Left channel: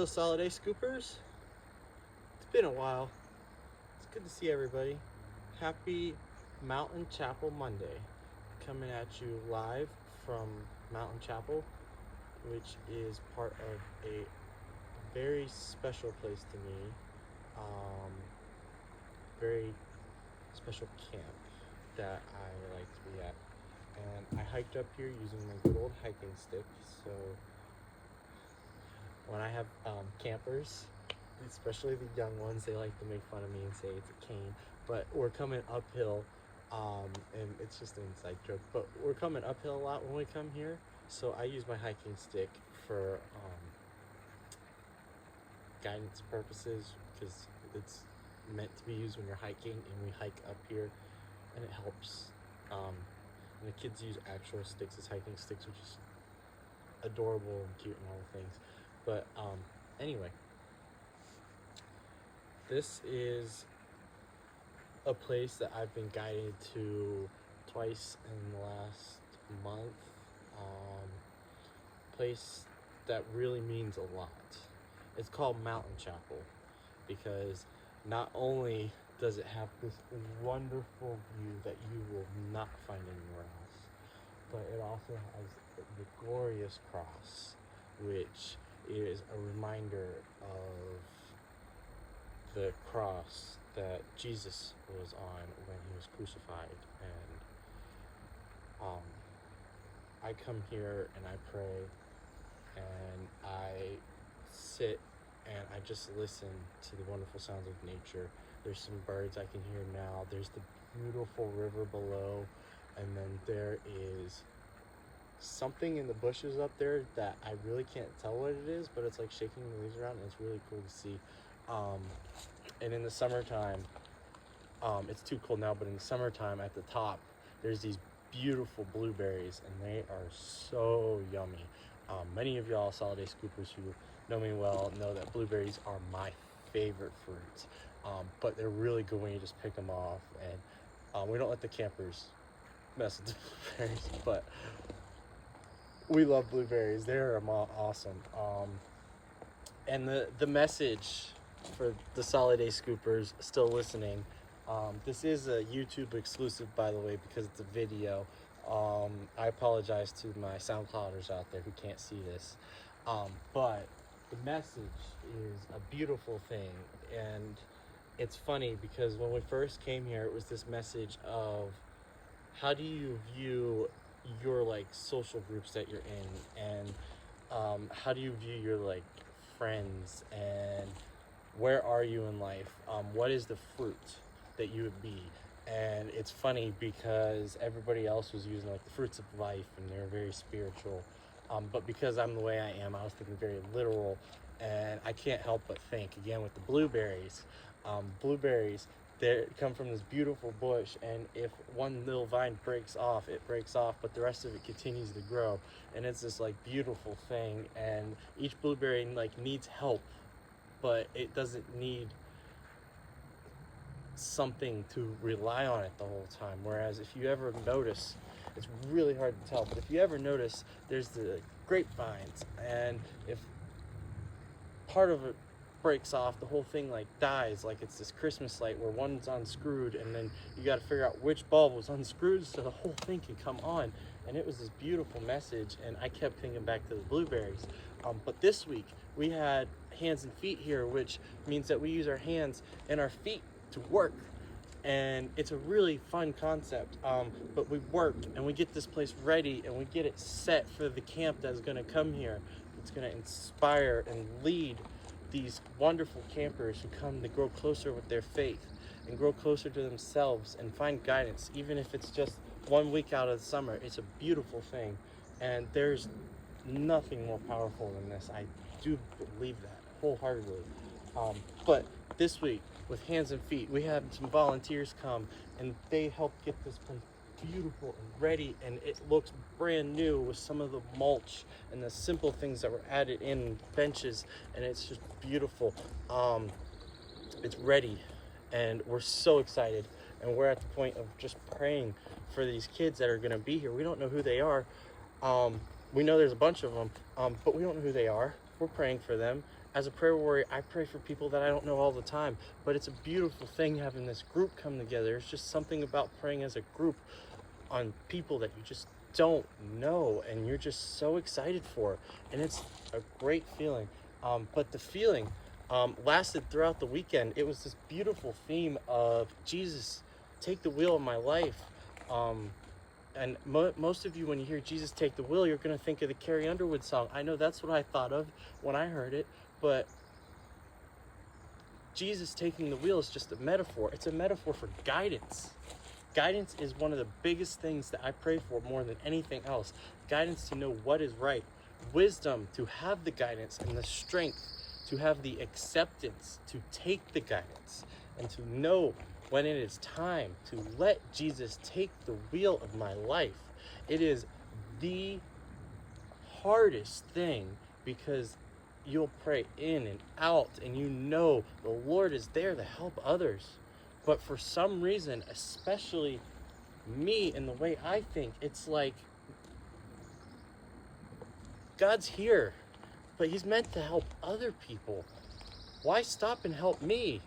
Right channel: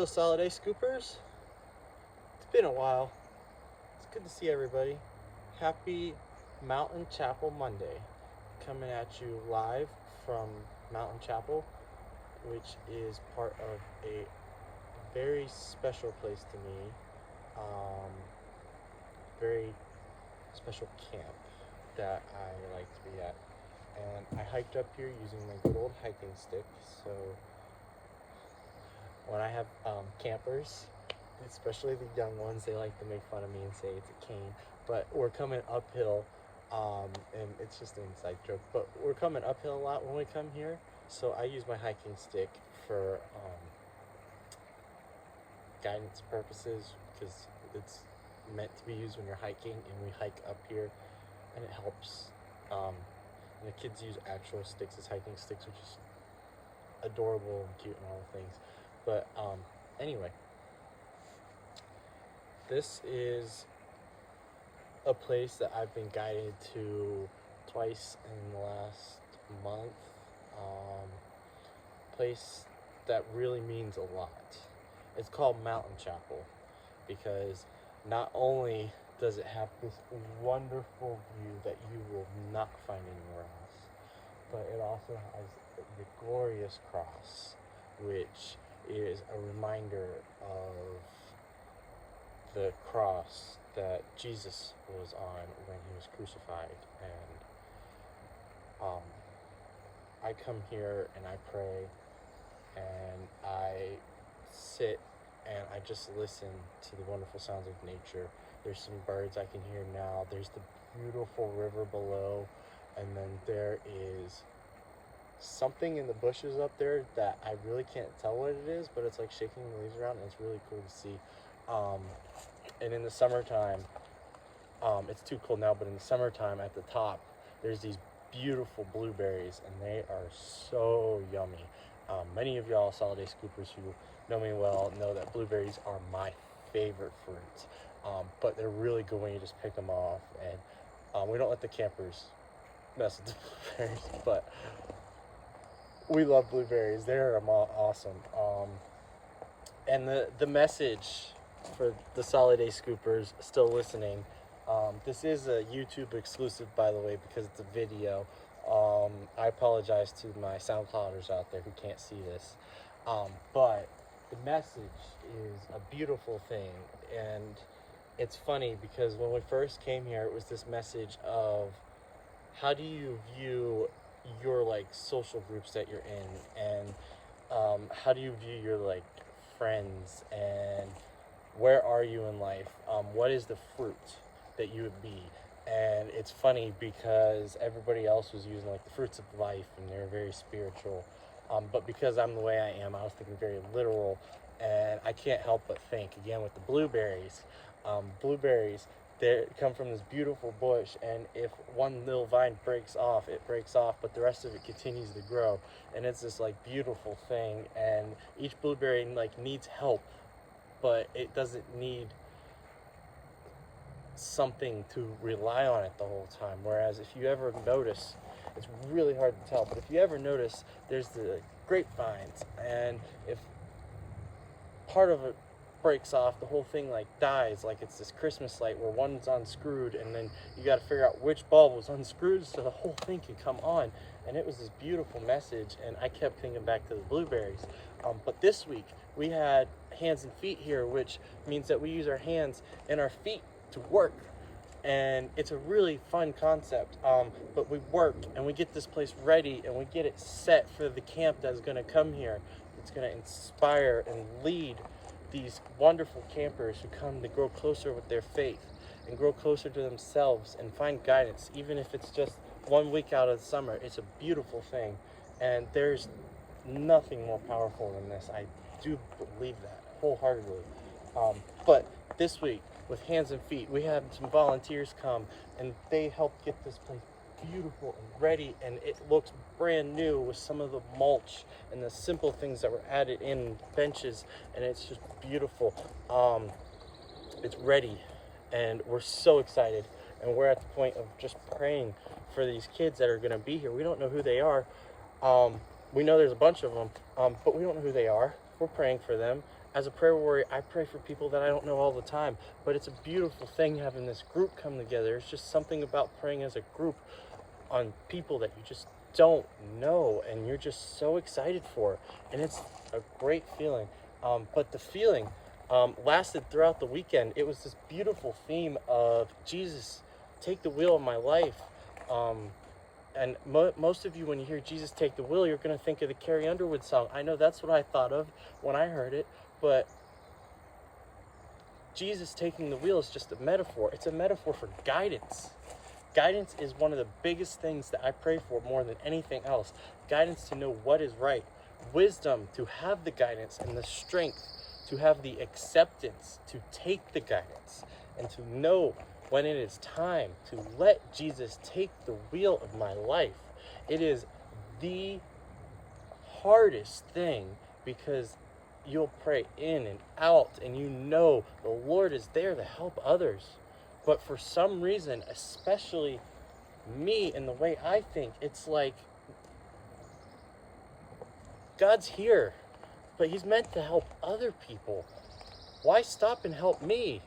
Hello, Soliday Scoopers. It's been a while. It's good to see everybody. Happy Mountain Chapel Monday. Coming at you live from Mountain Chapel, which is part of a very special place to me. Very special camp that I like to be at. And I hiked up here using my good old hiking stick. So when I have campers, especially the young ones, they like to make fun of me and say it's a cane. But we're coming uphill, and it's just an inside joke. But we're coming uphill a lot when we come here, so I use my hiking stick for guidance purposes because it's meant to be used when you're hiking, and we hike up here, and it helps. And the kids use actual sticks as hiking sticks, which is adorable and cute and all the things. But anyway, this is a place that I've been guided to twice in the last month. Place that really means a lot. It's called Mountain Chapel because not only does it have this wonderful view that you will not find anywhere else, but it also has the glorious cross, which is a reminder of the cross that Jesus was on when he was crucified. And I come here and I pray and I sit and I just listen to the wonderful sounds of nature. There's some birds I can hear now. There's the beautiful river below, and then there is something in the bushes up there that I really can't tell what it is, but it's like shaking the leaves around, and it's really cool to see. And in the summertime, it's too cold now, but in the summertime at the top, there's these beautiful blueberries, and they are so yummy. Many of y'all Soliday Scoopers who know me well know that blueberries are my favorite fruits, but they're really good when you just pick them off, and we don't let the campers mess with the blueberries, but we love blueberries. They're awesome. And the message for the Soliday Scoopers still listening, this is a YouTube exclusive, by the way, because it's a video. I apologize to my SoundClouders out there who can't see this, but the message is a beautiful thing. And it's funny because when we first came here, it was this message of how do you view your like social groups that you're in, and how do you view your like friends, and where are you in life? What is the fruit that you would be? And it's funny because everybody else was using like the fruits of life, and they're very spiritual. But because I'm the way I am, I was thinking very literal, and I can't help but think again with the blueberries. Blueberries, they come from this beautiful bush, and if one little vine breaks off, it breaks off, but the rest of it continues to grow, and it's this like beautiful thing. And each blueberry like needs help, but it doesn't need something to rely on it the whole time. Whereas if you ever notice, it's really hard to tell, but if you ever notice, there's the grapevines, and if part of it breaks off, the whole thing like dies, like it's this Christmas light where one's unscrewed, and then you got to figure out which bulb was unscrewed so the whole thing can come on. And it was this beautiful message, and I kept thinking back to the blueberries. But this week we had hands and feet here, which means that we use our hands and our feet to work, and it's a really fun concept. But we work and we get this place ready, and we get it set for the camp that's going to come here. It's going to inspire and lead these wonderful campers who come to grow closer with their faith and grow closer to themselves and find guidance, even if it's just 1 week out of the summer. It's a beautiful thing, and there's nothing more powerful than this. I do believe that wholeheartedly. But this week with Hands and Feet, we had some volunteers come, and they helped get this place beautiful and ready, and it looks brand new with some of the mulch and the simple things that were added in, benches, and it's just beautiful. It's ready, and we're so excited, and we're at the point of just praying for these kids that are going to be here. We don't know who they are. We know there's a bunch of them, but we don't know who they are. We're praying for them, As a prayer warrior, I pray for people that I don't know all the time, but it's a beautiful thing having this group come together. There's just something about praying as a group on people that you just don't know and you're just so excited for, and it's a great feeling. But the feeling lasted throughout the weekend. It was this beautiful theme of Jesus, take the wheel of my life. And most of you, when you hear Jesus take the wheel, you're going to think of the Carrie Underwood song. I know that's what I thought of when I heard it, but Jesus taking the wheel is just a metaphor. It's a metaphor for guidance. Guidance is one of the biggest things that I pray for more than anything else. Guidance to know what is right. Wisdom to have the guidance, and the strength to have the acceptance to take the guidance, and to know when it is time to let Jesus take the wheel of my life. It is the hardest thing, because you'll pray in and out and you know the Lord is there to help others. But for some reason, especially me and the way I think, it's like God's here, but he's meant to help other people. Why stop and help me?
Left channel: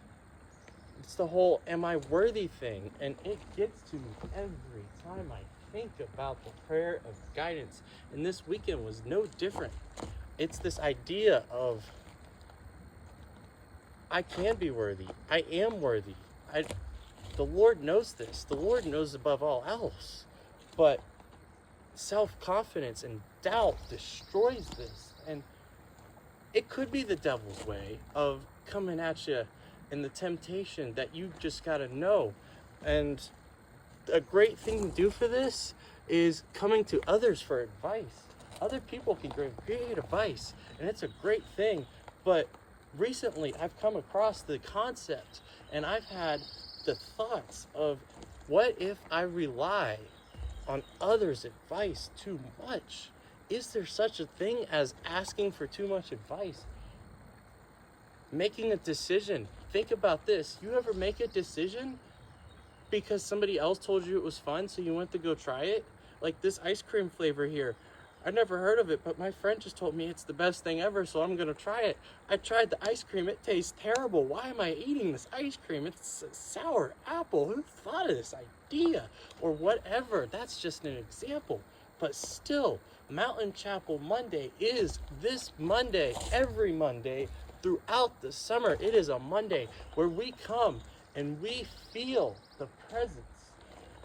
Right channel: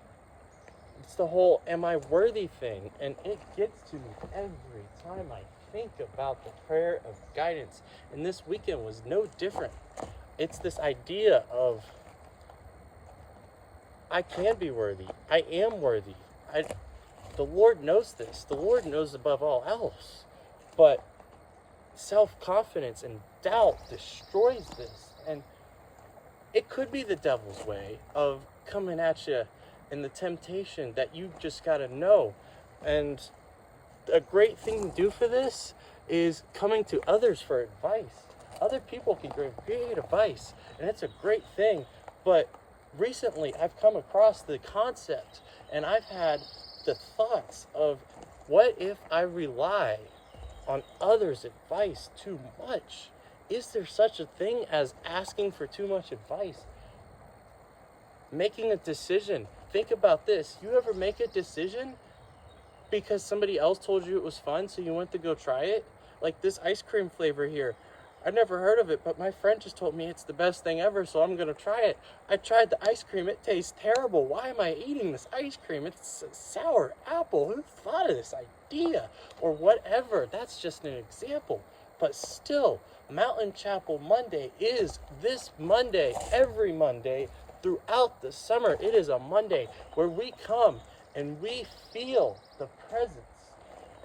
It's the whole am I worthy thing, and it gets to me every time I think about the prayer of guidance. And this weekend was no different. It's this idea of I can be worthy. I am worthy. The Lord knows this. The Lord knows above all else. But self-confidence and doubt destroys this. And it could be the devil's way of coming at you and the temptation that you just got to know. And a great thing to do for this is coming to others for advice. Other people can give great advice, and it's a great thing. But recently I've come across the concept, and I've had the thoughts of, what if I rely on others' advice too much? Is there such a thing as asking for too much advice? Making a decision. Think about this. You ever make a decision because somebody else told you it was fun, so you went to go try it? Like this ice cream flavor here. I never heard of it, but my friend just told me it's the best thing ever, so I'm going to try it. I tried the ice cream. It tastes terrible. Why am I eating this ice cream? It's a sour apple. Who thought of this idea? Or whatever. That's just an example. But still, Mountain Chapel Monday is this Monday, every Monday, throughout the summer. It is a Monday where we come and we feel the presence,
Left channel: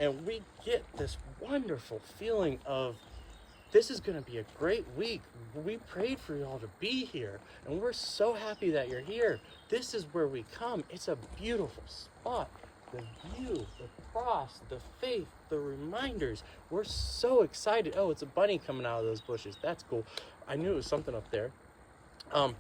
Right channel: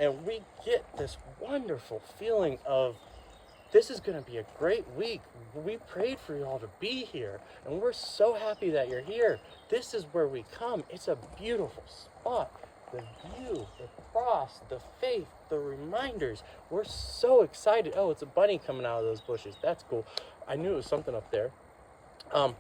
and we get this wonderful feeling of, this is going to be a great week. We prayed for you all to be here, and we're so happy that you're here. This is where we come. It's a beautiful spot. The view, the cross, the faith, the reminders. We're so excited. Oh, it's a bunny coming out of those bushes. That's cool. I knew it was something up there.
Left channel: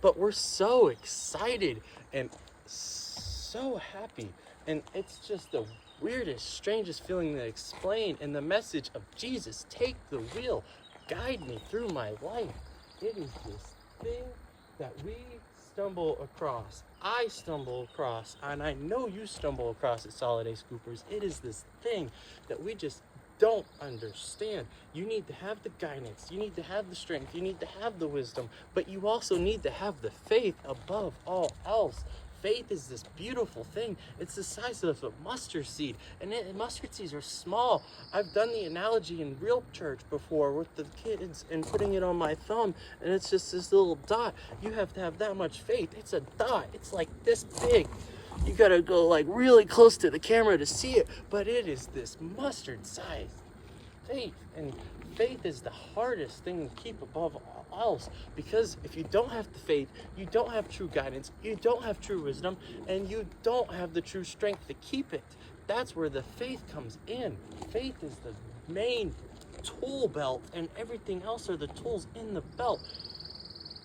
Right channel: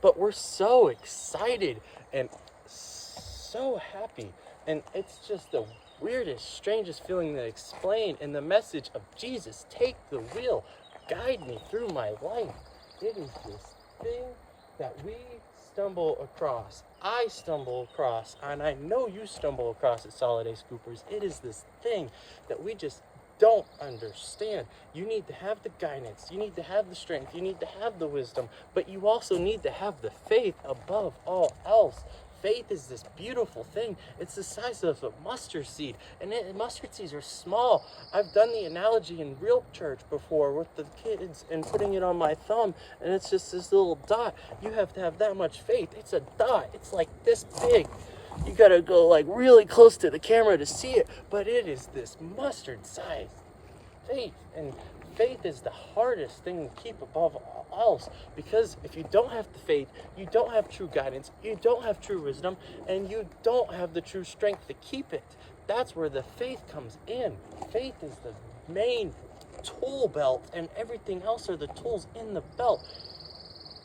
But we're so excited and so happy. And it's just the weirdest, strangest feeling to explain. And the message of Jesus, take the wheel. Guide me through my life. It is this thing that we stumble across. I stumble across, and I know you stumble across at Soliday Scoopers. It is this thing that we just don't understand. You need to have the guidance. You need to have the strength. You need to have the wisdom. But you also need to have the faith above all else. Faith is this beautiful thing. It's the size of a mustard seed, and mustard seeds are small. I've done the analogy in real church before with the kids and putting it on my thumb, and it's just this little dot. You have to have that much faith. It's a dot. It's like this big. You gotta go like really close to the camera to see it, but it is this mustard size faith. And faith is the hardest thing to keep above all else, because if you don't have the faith, you don't have true guidance, you don't have true wisdom, and you don't have the true strength to keep it. That's where the faith comes in. Faith is the main tool belt, and everything else are the tools in the belt.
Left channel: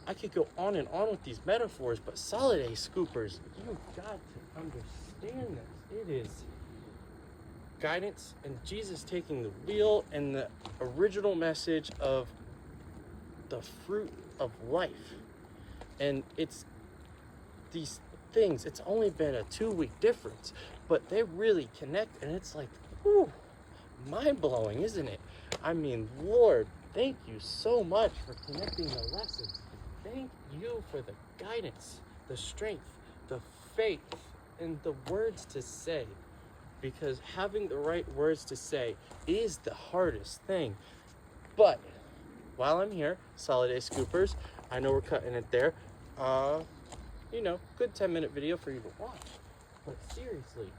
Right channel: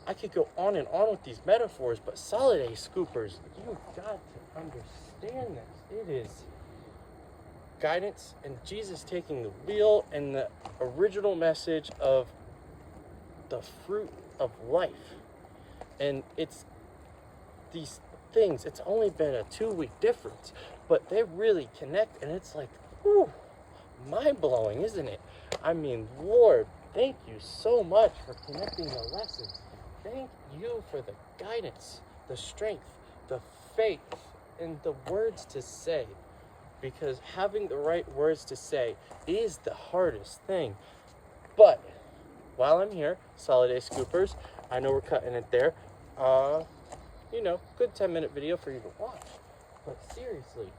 I could go on and on with these metaphors, but Soliday Scoopers, you've got to understand this. It is guidance and Jesus taking the wheel, and the original message of the fruit of life. And it's these things, it's only been a 2-week difference, but they really connect, and it's like, whew, mind-blowing, isn't it? I mean, Lord, thank you so much for connecting the lessons. thank you for the guidance, the strength, the faith, and the words to say. Because having the right words to say is the hardest thing. But while I'm here, Soliday Scoopers, I know we're cutting it there. Good 10-minute video for you to watch. But seriously,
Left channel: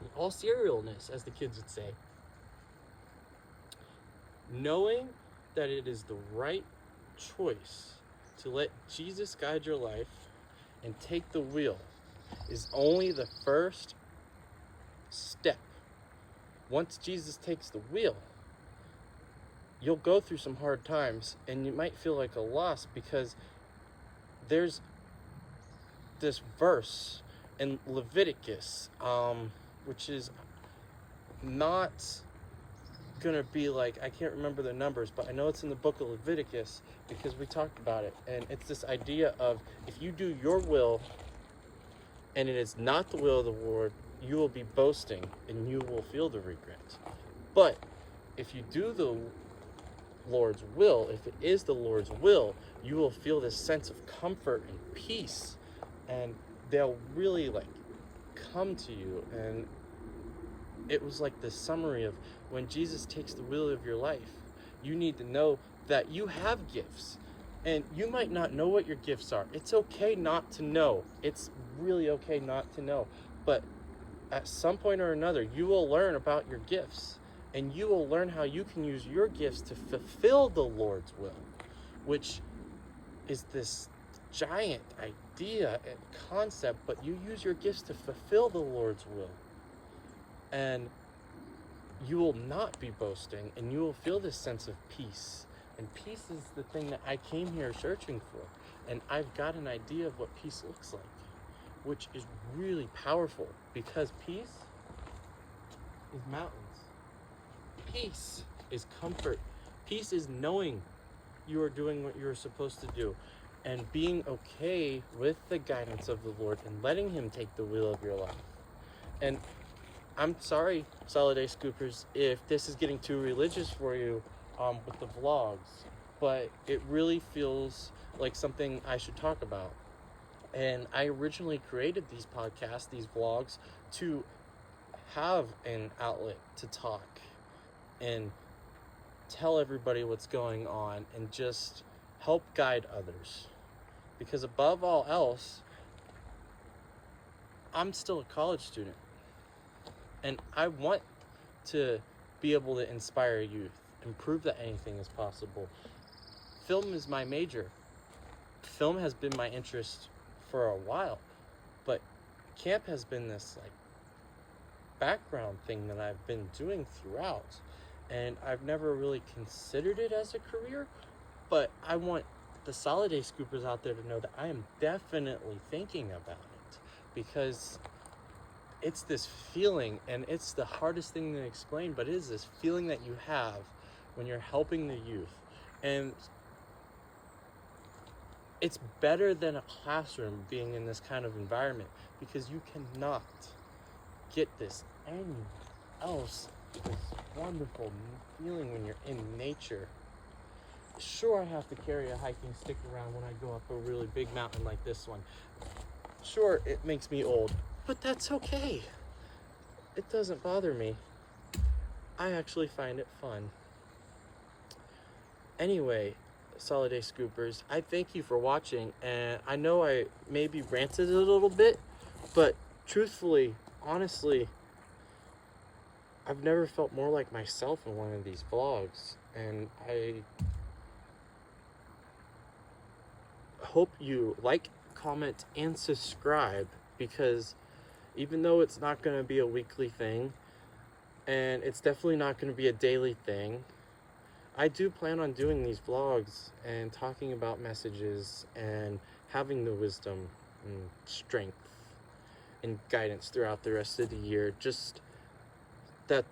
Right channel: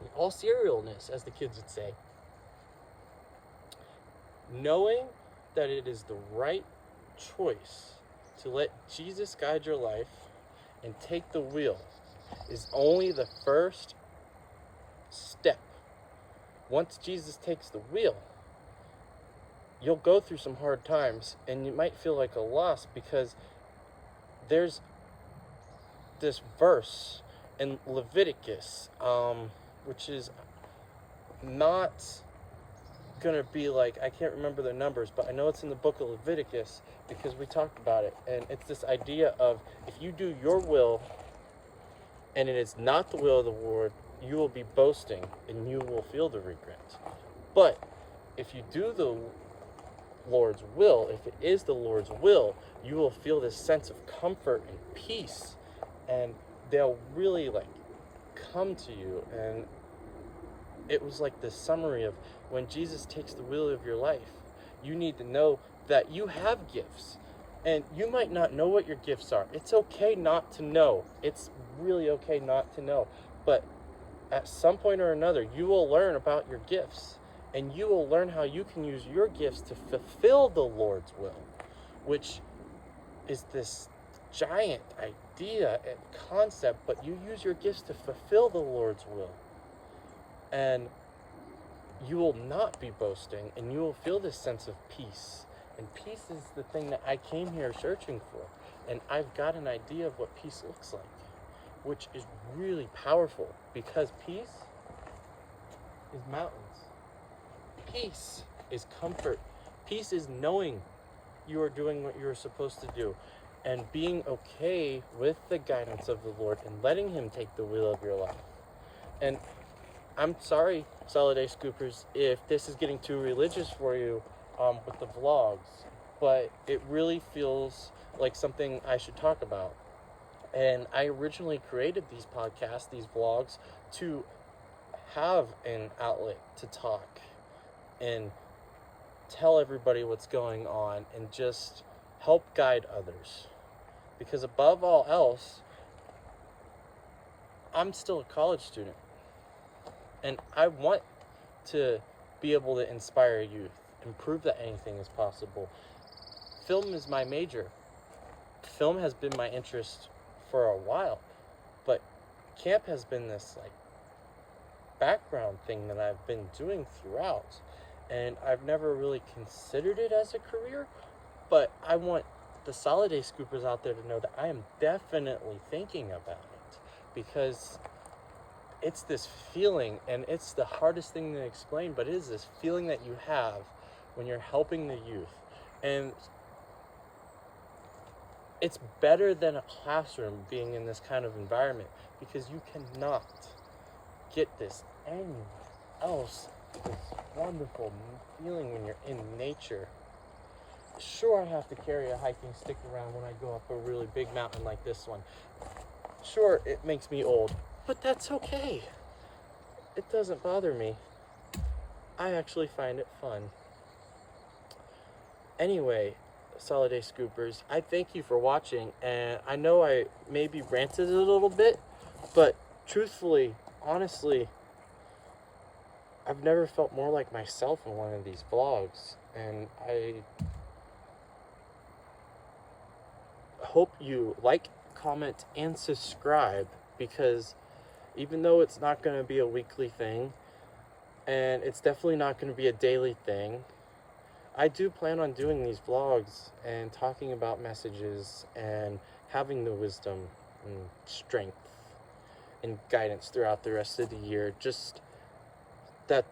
in all serialness, as the kids would say, knowing that it is the right choice to let Jesus guide your life and take the wheel is only the first step. Once Jesus takes the wheel, you'll go through some hard times and you might feel like a loss, because there's this verse in Leviticus, which is not gonna be like, I can't remember the numbers, but I know it's in the book of Leviticus because we talked about it. And it's this idea of, if you do your will and it is not the will of the Lord, you will be boasting and you will feel the regret. But if you do the Lord's will, if it is the Lord's will, you will feel this sense of comfort and peace, and they'll really come to you. And it was like the summary of, when Jesus takes the wheel of your life, you need to know that you have gifts, and you might not know what your gifts are. It's okay not to know. It's really okay not to know. But at some point or another, you will learn about your gifts, and you will learn how you can use your gifts to fulfill the Lord's will, which is this giant idea and concept. But you use your gifts to fulfill the Lord's will, and you will not be boasting, and you will feel this sense of peace. And peace is the thing that I came here searching for, and I've got an idea of what peace looks like, which is really powerful, because peace is mountains. Peace is comfort. Peace is knowing you are doing what you're supposed to do, and being okay with the guidance of the Lord and letting Him take the wheel of your life. And I'm sorry, Soliday Scoopers, if this is getting too religious for you with the vlogs, but it really feels like something I should talk about. And I originally created these podcasts, these vlogs, to have an outlet to talk and tell everybody what's going on and just help guide others. Because above all else, I'm still a college student, and I want to be able to inspire youth and prove that anything is possible. Film is my major. Film has been my interest for a while, but camp has been this background thing that I've been doing throughout, and I've never really considered it as a career. But I want the Soliday Scoopers out there to know that I am definitely thinking about it, because it's this feeling, and it's the hardest thing to explain, but it is this feeling that you have when you're helping the youth. And it's better than a classroom being in this kind of environment, because you cannot get this else, this wonderful feeling when you're in nature. Sure, I have to carry a hiking stick around when I go up a really big mountain like this one. Sure, it makes me old, but that's okay. It doesn't bother me. I actually find it fun. Anyway, Soliday Scoopers, I thank you for watching, and I know I maybe ranted a little bit, but truthfully, honestly, I've never felt more like myself in one of these vlogs, and I hope you like, comment, and subscribe, because even though it's not going to be a weekly thing, and it's definitely not going to be a daily thing, I do plan on doing these vlogs and talking about messages and having the wisdom and strength and guidance throughout the rest of the year. Just that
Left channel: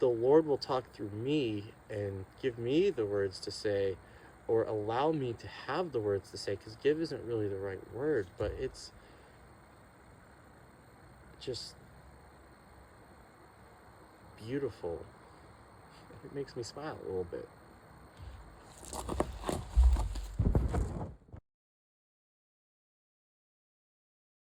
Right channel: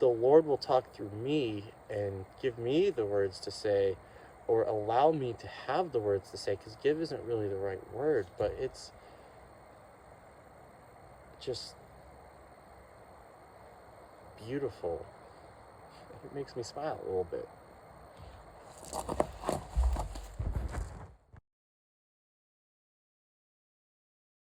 the Lord will talk through me and give me the words to say, or allow me to have the words to say, because give isn't really the right word, but it's just beautiful. It makes me smile a little bit.